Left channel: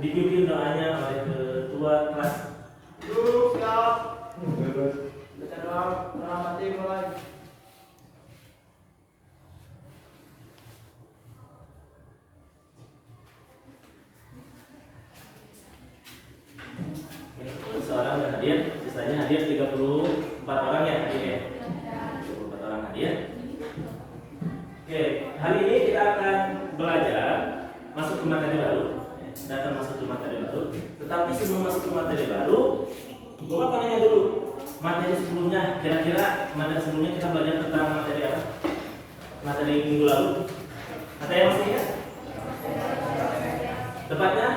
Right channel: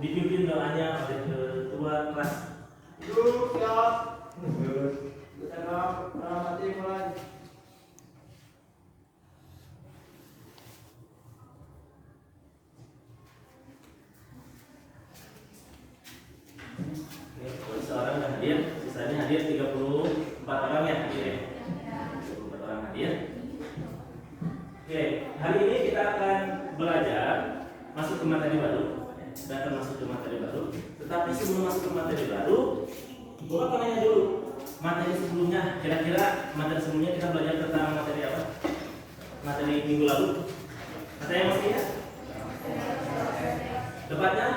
dipimpin doanya oleh ketua kelas. Duduk siap. Kita mati mulai. Seorang yang hadir, sisanya hadir 34 orang ya hadir ya. 34 orang hadir. Oke, hari ini kita akan belajar masuk ke materi baru. Kita akan masuk ke materi baru. Tetapi sebelum masuk ke materi baru, Bapak akan nanya dulu materi sebelumnya. Kira-kira materi sebelumnya kita belajar tentang materi apa? Materi minggu lalu. Materi masih ya? Tepatnya?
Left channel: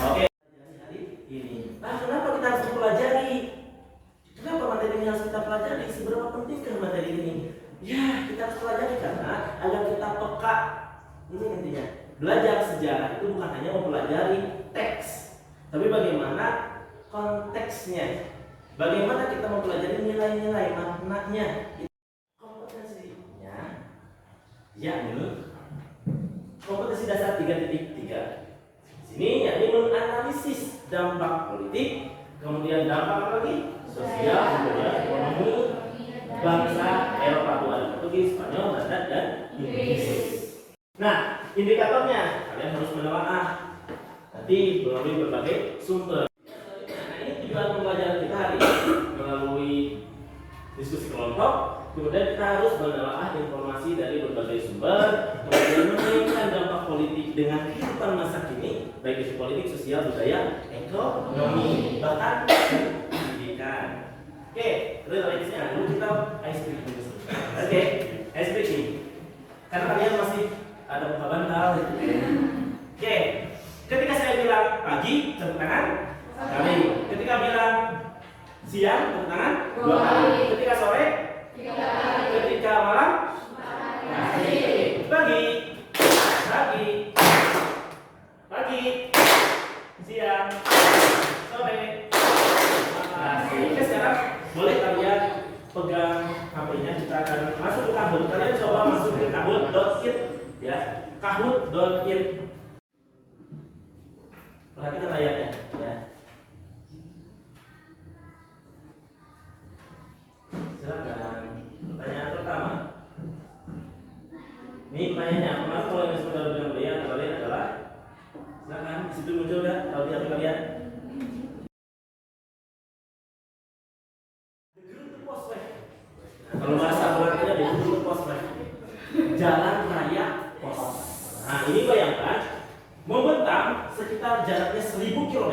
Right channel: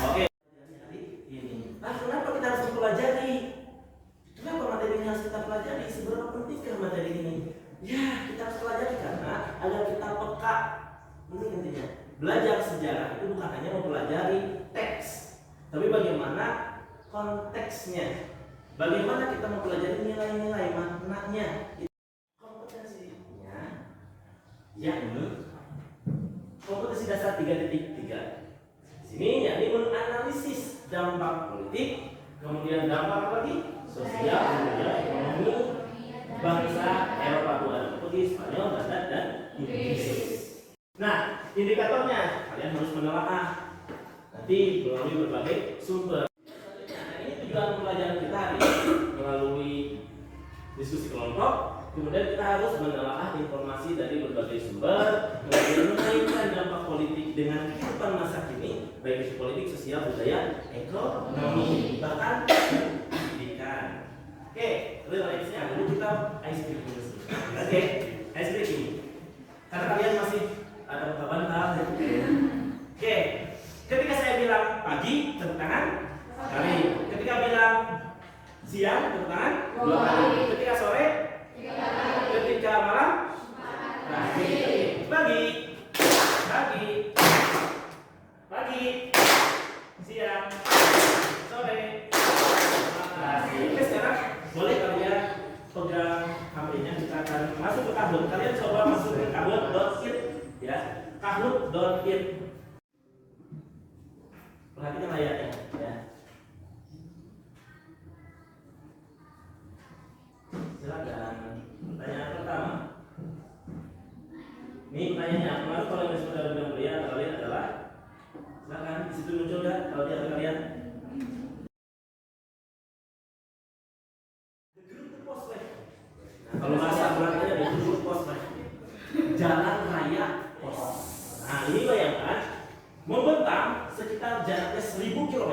Oke. Nah, kenapa kita harus mempelajari? Kenapa materi ini harus kita pelajari? Seberapa pentingkah materi ini? Ya, kita harus pelajari karena agar kita peka. Ini intinya. Belajar sejarah itu bukan hanya mempelajari teks, tapi bagaimana konteksnya. Bagaimana kita mempelajari nilai-nilai maknanya. Kompetensinya yakni kompetensi dasar 3.3. Sini yakni menganalisis dampak politik, kemudian dampak lagi sosial, kemudian ekonomi bangsa Eropa bukan Portugis, Spanyol, Belanda dan Inggris. Nah, indikatornya kalian harus menelaah nanti melalui berbagai sumber. Nah, ini tujuan pembelajaran kita hari ini melalui diskusi kelompok. Kemudian kita harus menelaah informasi dari berbagai sumber, kemudian mengaitkan dampak politik dengan kehidupan masa kini, baik itu politik, sosial, budaya, ekonomi, bahkan pendidikan. Oke, relaksnya dulu kita ice breaking dulu. Oke, ice breaking. Karena kalian masih ada muka bantal. Oke, ketika saya bilang pagi, tepuk tangan sekali. Ketika bilang siang, tepuk tangan 2 kali. Ketika sore, 3 kali. Ketika malam, pagi, pagi, siang, sore. Oke, sekarang boleh kalian pegang HP-nya, kita akan masuk ke Kahoot. Kalian coba masuk ke kahoot.it ya. Kahoot.it. Perhatikan layarnya ya. Silakan. Pertanyaan pertama. Ini pertanyaannya, kemarin kalau yang sudah bilang kalian adalah silakan di situ muncul ya kalau di hati kalian. Kalau bahasa Belanda ada dulu pos, jalan raya pos. Nah, ini bayangkan membentang sekitar jaraknya 1000 km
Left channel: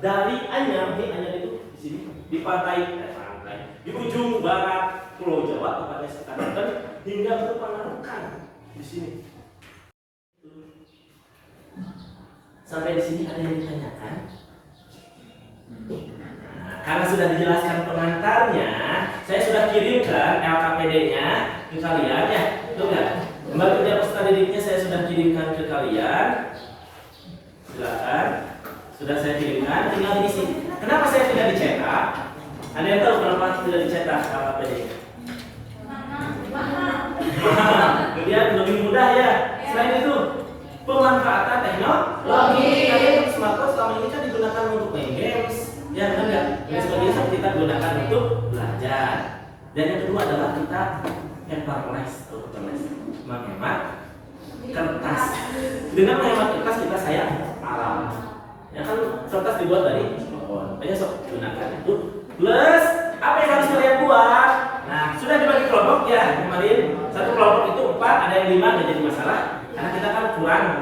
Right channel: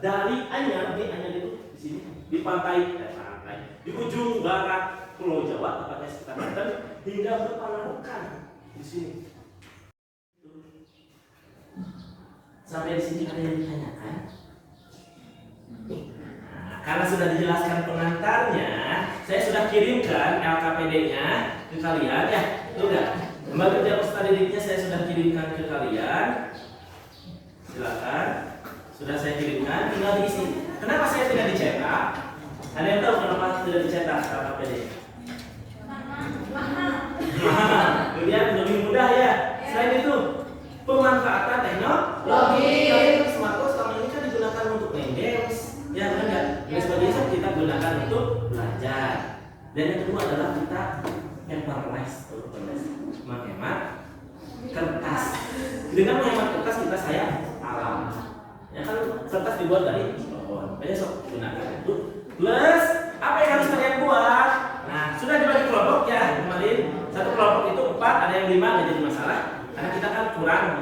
dari Anyar, itu di sini di pantai, di ujung barat Pulau Jawa, tepatnya sekitar Banten, hingga ke Panarukan di sini. Sampai di sini ada yang ditanyakan? Karena sudah dijelaskan pengantarnya, saya sudah kirimkan LKPD-nya ke kalian ya, betul nggak? Kembali kerja peserta didiknya saya sudah kirimkan ke kalian. Silakan, sudah saya kirimkan, tinggal diisi. Kenapa saya tidak dicetak? Ada yang tahu kenapa tidak dicetak LKPD? Kemudian lebih mudah ya. Selain itu, pemanfaatan teknologi. Kalian smartphone selama ini kan digunakan untuk main games. Ya benar nggak? Dan sebagainya kita gunakan untuk belajar. Dan yang kedua adalah kita paperless atau paperless, menghemat kertas. Dengan menghemat kertas kita sayang alam. Ya kan kertas dibuat dari pohon. Makanya sok gunakan itu. Plus apa yang harus kalian buat? Nah sudah dibagi kelompok ya kemarin. Satu kelompok itu 4, ada yang 5 nggak jadi masalah. Karena kita kan kurang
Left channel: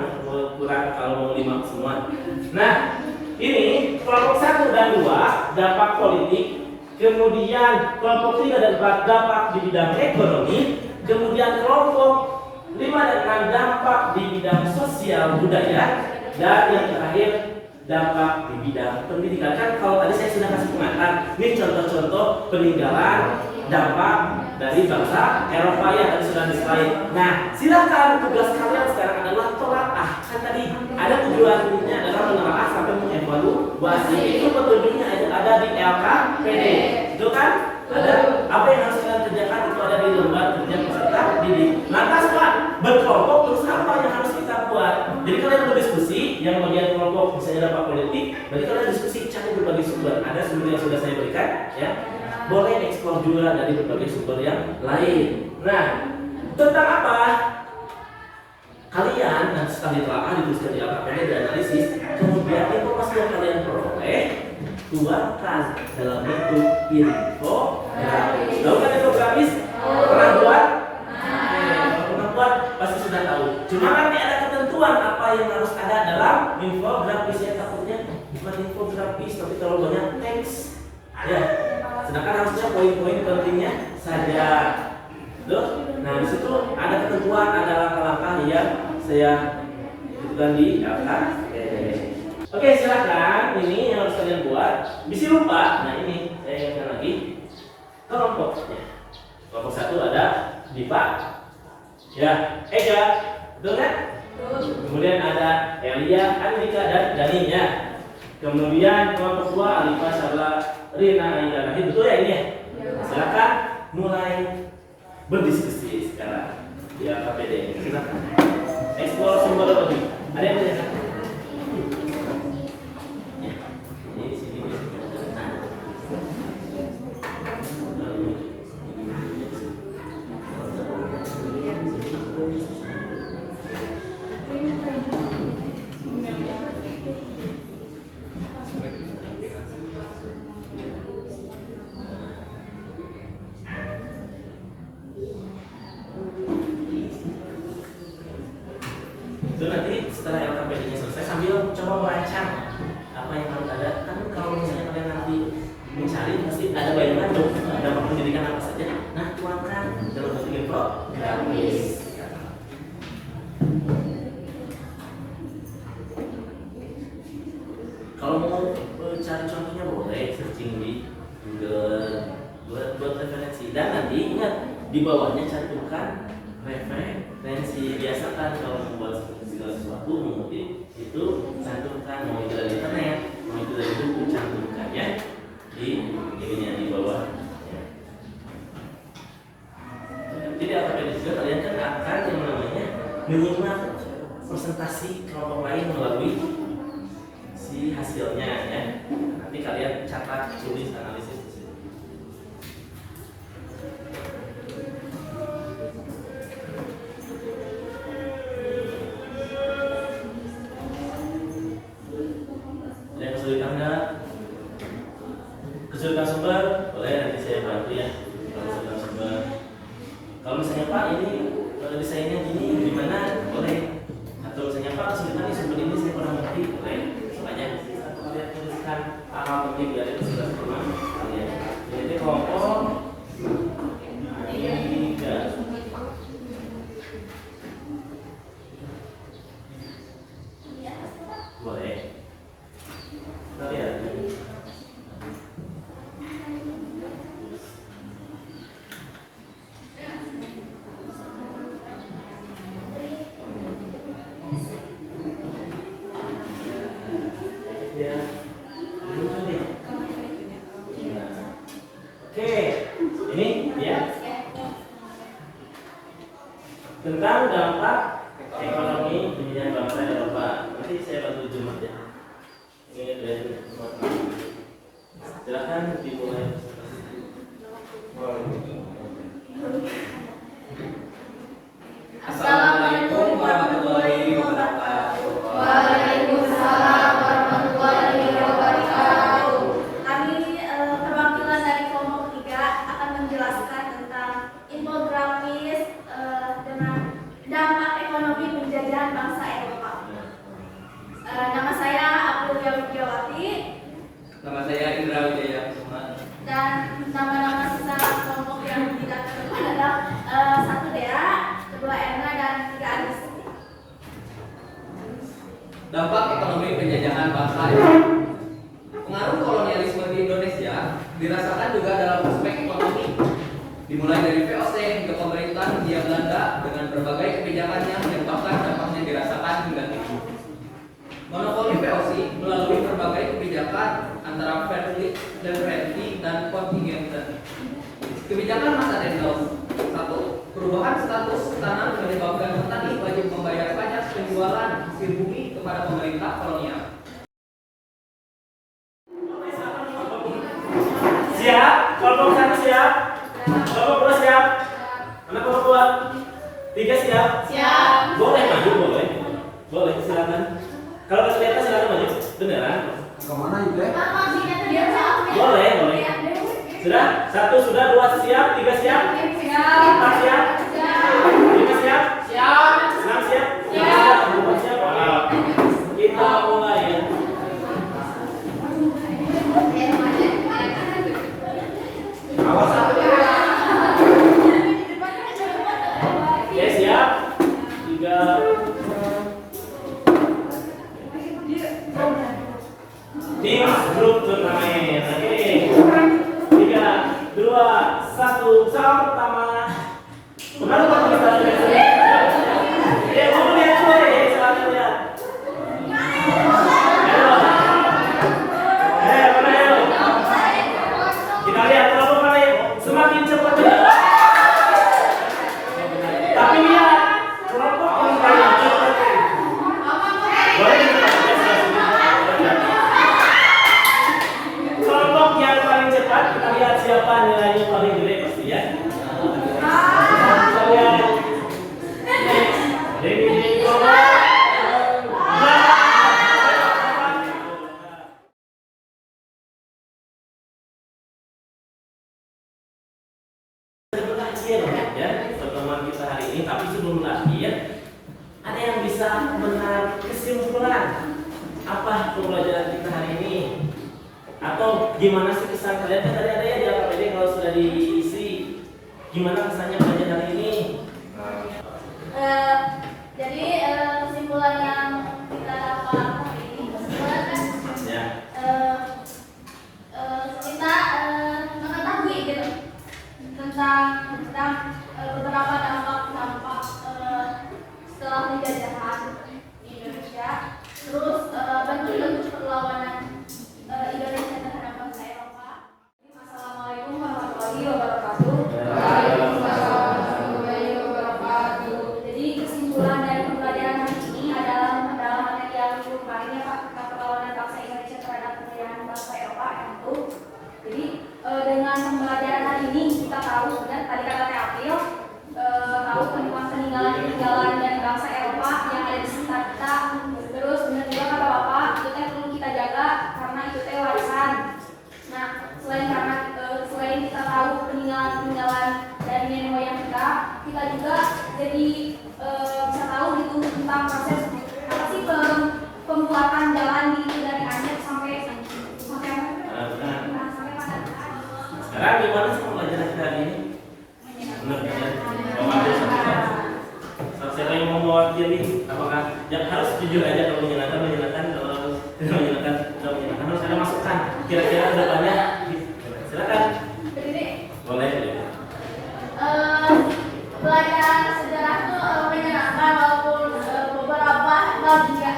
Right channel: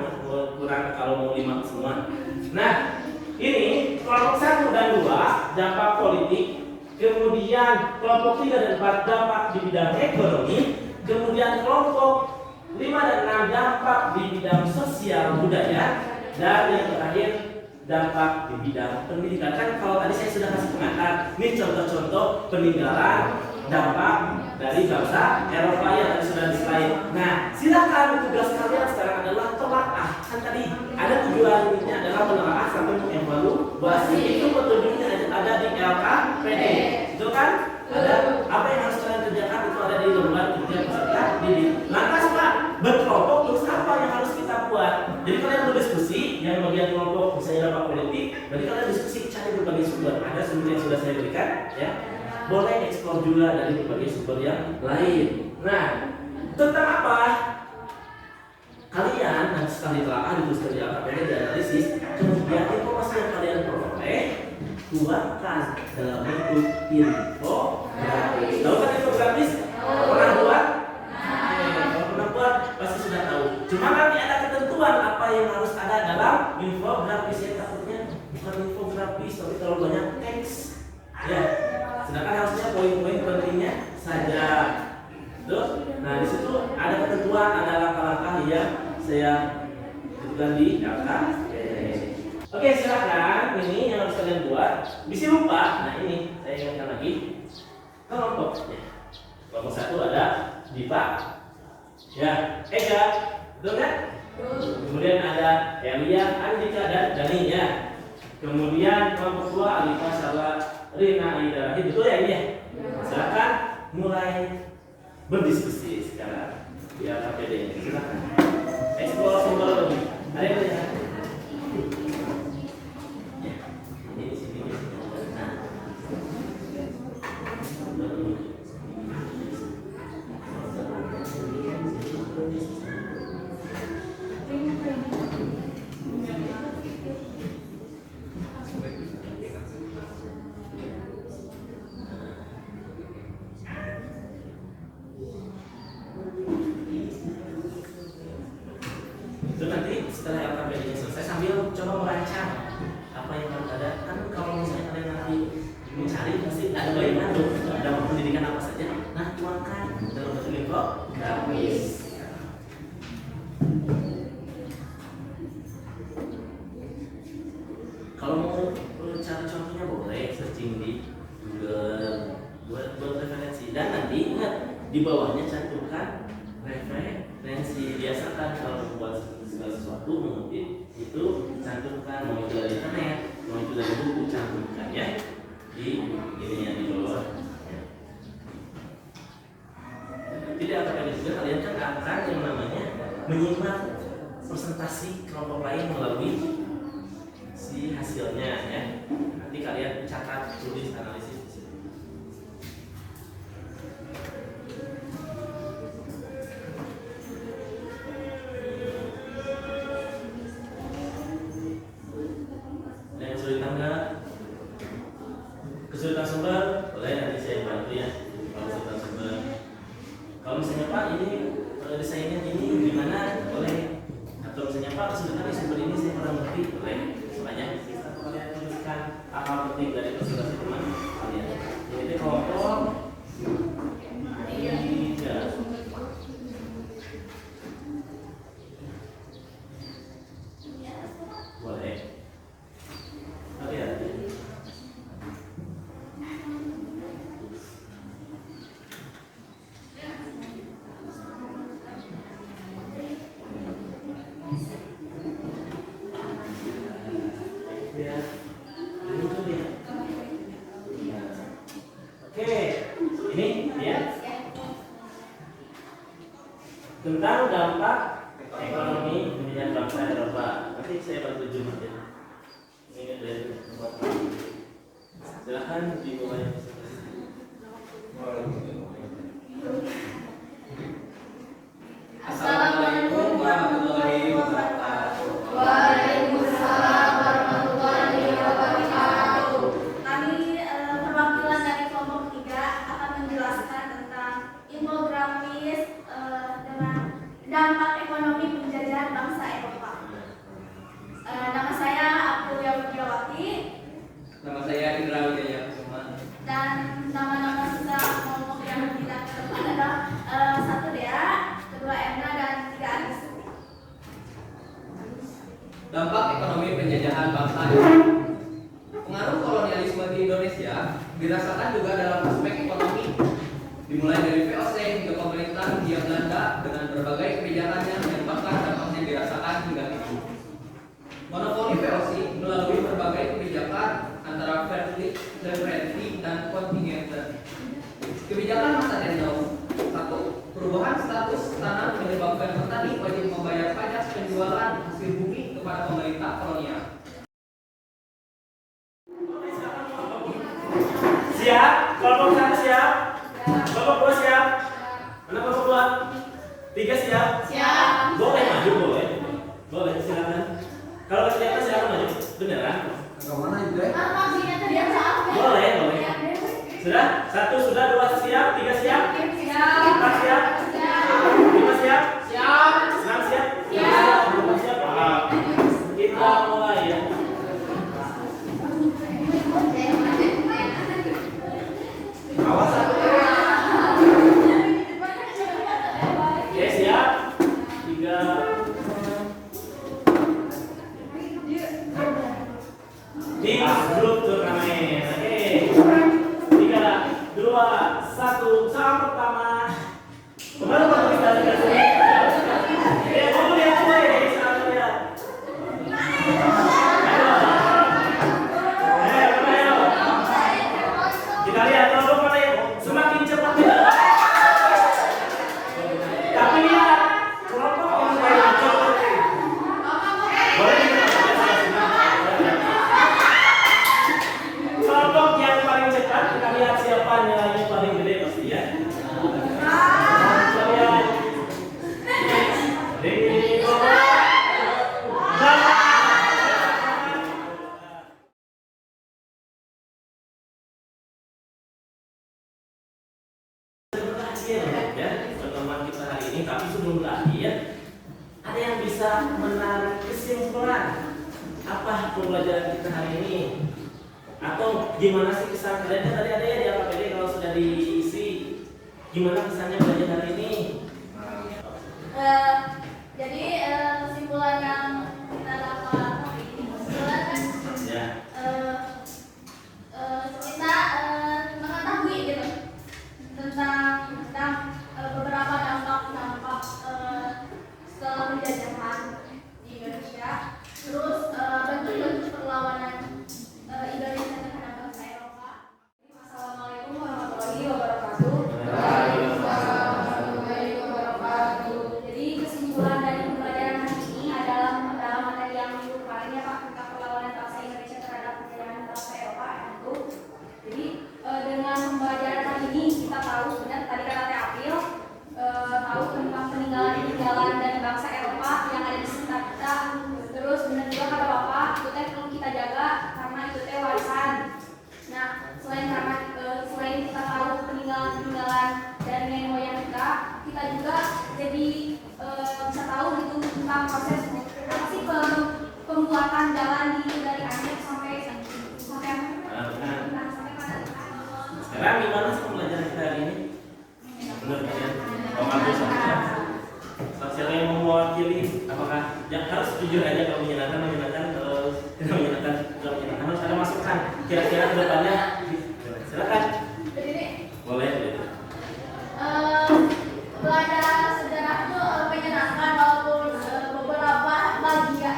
kalau mau 5 semua. Nah ini kelompok 1 dan 2 dampak politik, kemudian kelompok 3 dan 4 dampak di bidang ekonomi, kemudian kelompok 5 dan 6 dampak di bidang sosial budaya, dan yang terakhir dampak di bidang pendidikan. Kan kalau tadi saya sudah kasih pengantar, ini contoh-contoh peninggalan dampak dari bangsa Eropa yang tadi sudah dislain. Nah, silakan tugas kalian sekarang adalah telaah. Kan tadi ada tujuannya adalah menelaah sampai mengevaluasi. Itu petunjuknya ada di LKPD. Itu kan? Ada apa yang harus kalian kerjakan itu ada di lembar kerja peserta didik. Lantas Pak, berkelompok terus apa yang harus kita buat? Jadi kalian berdiskusi, yang bagian kelompok misalnya dampak politik, berarti kalian diskusi cari berbagai sumber. Ada sumber yang sudah saya berikan, ya. Boleh eksplor juga dari berbagai sumber yang lain. Nah, tentang apa? Kalian nanti setelah ditelaah, dituliskan di LKPD, dianalisis, kemudian informasi yang kalian peroleh keluarkan dalam bentuk infografis. Tahu kan infografis? Pernah buat? Kalau pernah buat pasti sudah tahu. Cuma nanti ada ketentuan apa yang harus ada dalam infografis, ya. Takutnya bukan infografis, tapi kalau banyak teks, ya. Sedangkan harusnya poin-poin pentingnya saja. Tuh. Nah, di situ ada ketentuan, ada langkah-langkah yang saya sebutkan di LKPD. Oke, silakan. Ini yang harus kalian buat. Bisa lupa. Nah, ini saya ingatkan lagi. Kelompoknya. Kelompok 1 ada Dipa, ya, Ega, betul kan? Kemudian ada Elia, Andika, dan Daninya. Kemudian kelompok 2 Alifa, Sarla, Rina, Aida, Rahim, betul ya ini ya? Silakan mulai berdiskusi sekarang di LKPD. Silakan. Explore sumber lebih. Ada yang tanya? Ini sini. Itu nanti setelah LKPD-nya selesai sambil coba merancang apa yang harus ada. Kan kalau misalnya kalian nanti mencari pasti ada bayangan dong dapat pendidikan apa saja. Nah, tuangkan dalam bentuk infografis. Kalau mau cari contohnya boleh searching di Google buat referensi, dan nanti ingat di bawahnya cantumkan referensi. Biasakan kalau membuat segala sesuatu mengutip itu cantumkan, mau itu dari internet, mau itu dari buku, cantumkan ya di ininya di bawah. Jadi LKPD juga kalian kan akan yang namanya menyimak presentasi kelompok lain melalui si hasilnya, ya. Nanti kalian catat, tulis, analisis. Kesulitan sumber, boleh nanti saya bantu ya. Kalau kesulitan sumber, kalau misalnya Pak ini kalau desainnya gini gimana, boleh. Atau misalnya Pak kesulitan di sumber ini saya kurang ngerti, boleh. Semuanya satu kalian tuliskan hal penting dari kesulitan sumber kalian. Jadi kelompok 3. Boleh. Kalian. Tentang dampak ekonomi kebijakan bangsa Eropa. Nanti saya bantu jemaat ya. Ini dari silakan dimulai. Assalamualaikum warahmatullahi wabarakatuh. Waalaikumsalam warahmatullahi wabarakatuh. Kami perwakilan dari kelompok 3 akan menjelaskan tentang infografis dengan dampak ekonomi penjajahan bangsa Eropa. Nama saya Aprilia Widiawati. Nama saya Indra Wijaya Kusuma. Dan nama-nama sisa kelompok yang tidak terdepan adalah 1 Dea, 2 Erna, dan 3 Anis. Dampak ekonomi penjajahan bangsa Eropa. Pengaruh kolonialisme di Indonesia dirasakan juga dalam aspek ekonomi, dimulai dari VOC hingga pemerintahan Hindia Belanda dengan berbagai kebijakannya yang bahkan dampaknya dirasakan hingga kini. Monopoli VOC melalui berbagai kebijakan antara Fairly, Leverage, dan Contingenten. Kebijakan masa Dendels 1. Perubahan status tanah menyebabkan petani wajib membayar pajak penjualan hasil bumi kepada pemerintah kolonial. Siap? Kelompok 1 siap? Kelompok 2 siap? Anak kelompok 2? 3 siap? Siap. Boleh maju, boleh. Boleh, silakan. Kalau nggak kelihatan silakan maju. Beneran? Kemana itu ya? Boleh, boleh. Sudah? 1 sudah, 2 siap, 3 siap? 4 siap? 5 siap? 6 siap? 7 siap? Kita mulai ya. Awas. Oke, siap? 3. Mix Group Turnamen. Oke. 3, 2, 1. Salam pertama. Pengaruh partisipasi. Mau lihat gue, silakan lihat. Ayo, mana ayo? Kita lihat kelompok mana ya? Semakin cepat ya. Tapi lihat kelompok yang paling cepat. Boleh kelompok yang paling cepat kita lihat siapa nilainya paling gede pasti ya. Kita lihat. Jadi berakhir ya pertemuan kita hari ini, tapi sebelum berakhir ada yang bisa menarik kesimpulan apa pembelajaran kita hari ini, atau gimana sih kesan kalian? Kan tadi ada ya di AKPD kalau sudah diisi, gimana kesannya belajar hari ini? Jadi kesimpulan yang kita dapat hari ini, kesimpulan kan Ya. kita mengetahui gitu tentang beberapa dampak setelah penjajahan di Indonesia, terus bentuk-bentuk perlawanan Indonesia terhadap bangsa Eropa. Assalamualaikum warahmatullahi wabarakatuh. Jadi kesimpulan dari pembelajaran hari ini adalah dalam materi yang kemarin ya Pak, tentang perlawanan bangsa Indonesia terhadap penjajahan bangsa Eropa yang itu. Jadi dengan pembelajaran hari ini kita tahu sebenarnya tadi kata Teh April tahu tentang peninggalan dari bangsa Eropa yang ada di sekitar kita. Terus benar juga kata Bapak, itu teh perlu kita jaga karena itu teh warisan. Nah, selain kita tahu peninggalan dari nenek moyang kita juga jadi bisa tahu gitu tentang proses apa sih pembuatan jalan dari Anyer sampai mana? Sekarang gimana sih pembelajaran kita hari ini? Benar ya? Bapak siapa yang mau mewakili? Apakah ya harus jujur aja kalau menyenangkan, kalau tidak menyenangkan harus ada masukan. Kira-kira ke depannya silakan. Boleh. Belajar sejarah itu menyenangkan walaupun beberapa bagian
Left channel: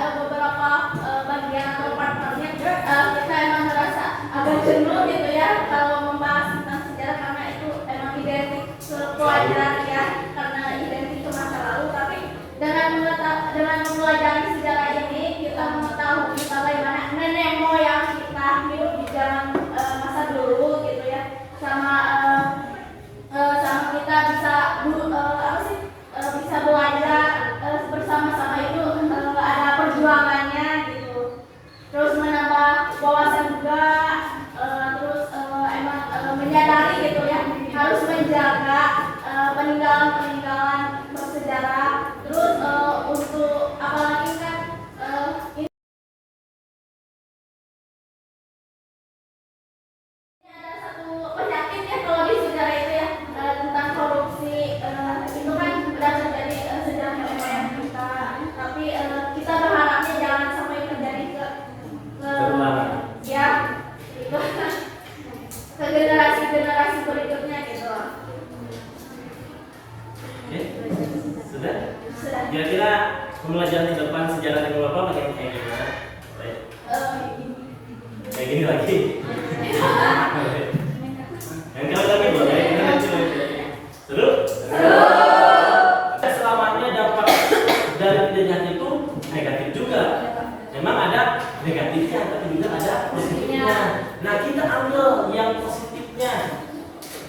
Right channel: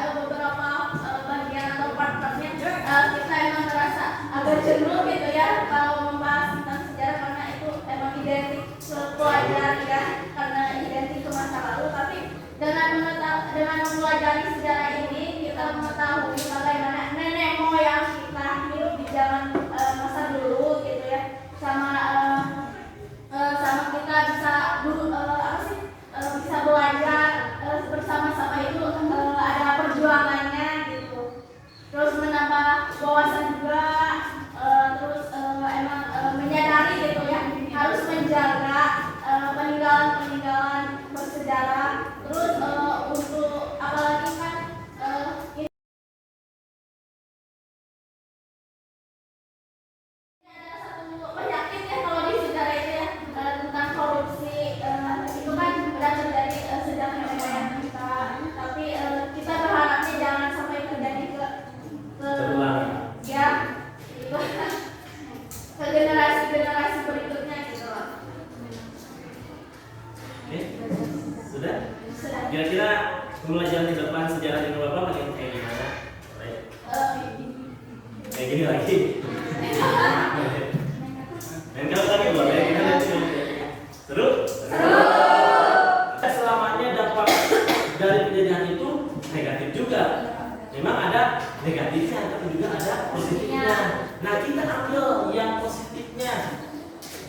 atau part-partnya kita emang merasa agak jenuh gitu ya kalau membahas tentang sejarah karena itu emang identik ke pelajaran ya, karena identik ke masa lalu. Tapi dengan mempelajari sejarah ini kita mengetahui bagaimana nenek moyang kita hidup di zaman masa dulu gitu ya, sama kita bisa bisa belajar bersama-sama itu ada perjuangannya gitu, terus menambah wawasan juga, terus emang menyadari gitu ya harus menjaga peninggalan bersejarah. Terus untuk apalagi kan ini ada satu penyakit ya kalau di sejarah itu ya, tentang korupsi. Itu kan udah terjadi sejarah nenek moyang kita, tapi kita berharapnya jangan sampai terjadi ke ya itu ke generasi berikutnya gitu loh. Oke. Sudah? Kira-kira pembelajaran di depan sejarah di Bapak makin kayak gimana? Kayak gini lagi. Yang kalau lagi boleh, kita lanjut. Seru? dengan itu negatif juga. Memang ada negatifnya, tapi juga ada positifnya. Nah, kita ambil yang positifnya.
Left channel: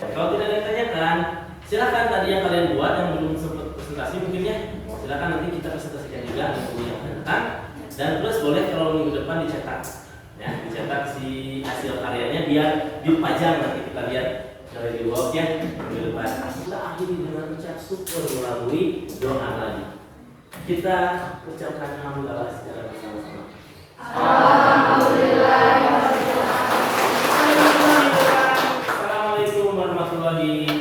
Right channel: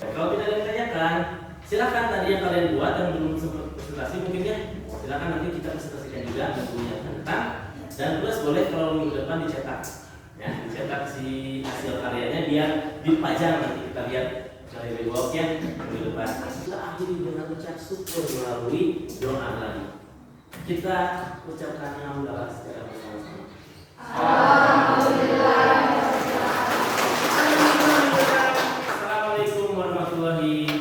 Kalau tidak ada yang tanyakan, silakan tadi yang kalian buat yang belum sempat presentasi mungkin ya. Silakan nanti kita presentasikan juga untuk yang tentang. Dan plus boleh kalau minggu depan dicetak, ya dicetak si hasil karyanya biar dipajang nanti kita lihat dari reward ya minggu depan. Kita akhiri dengan ucap syukur melalui doa lagi. Kita ucapkan alhamdulillah secara bersama-sama. Alhamdulillah. Assalamualaikum warahmatullahi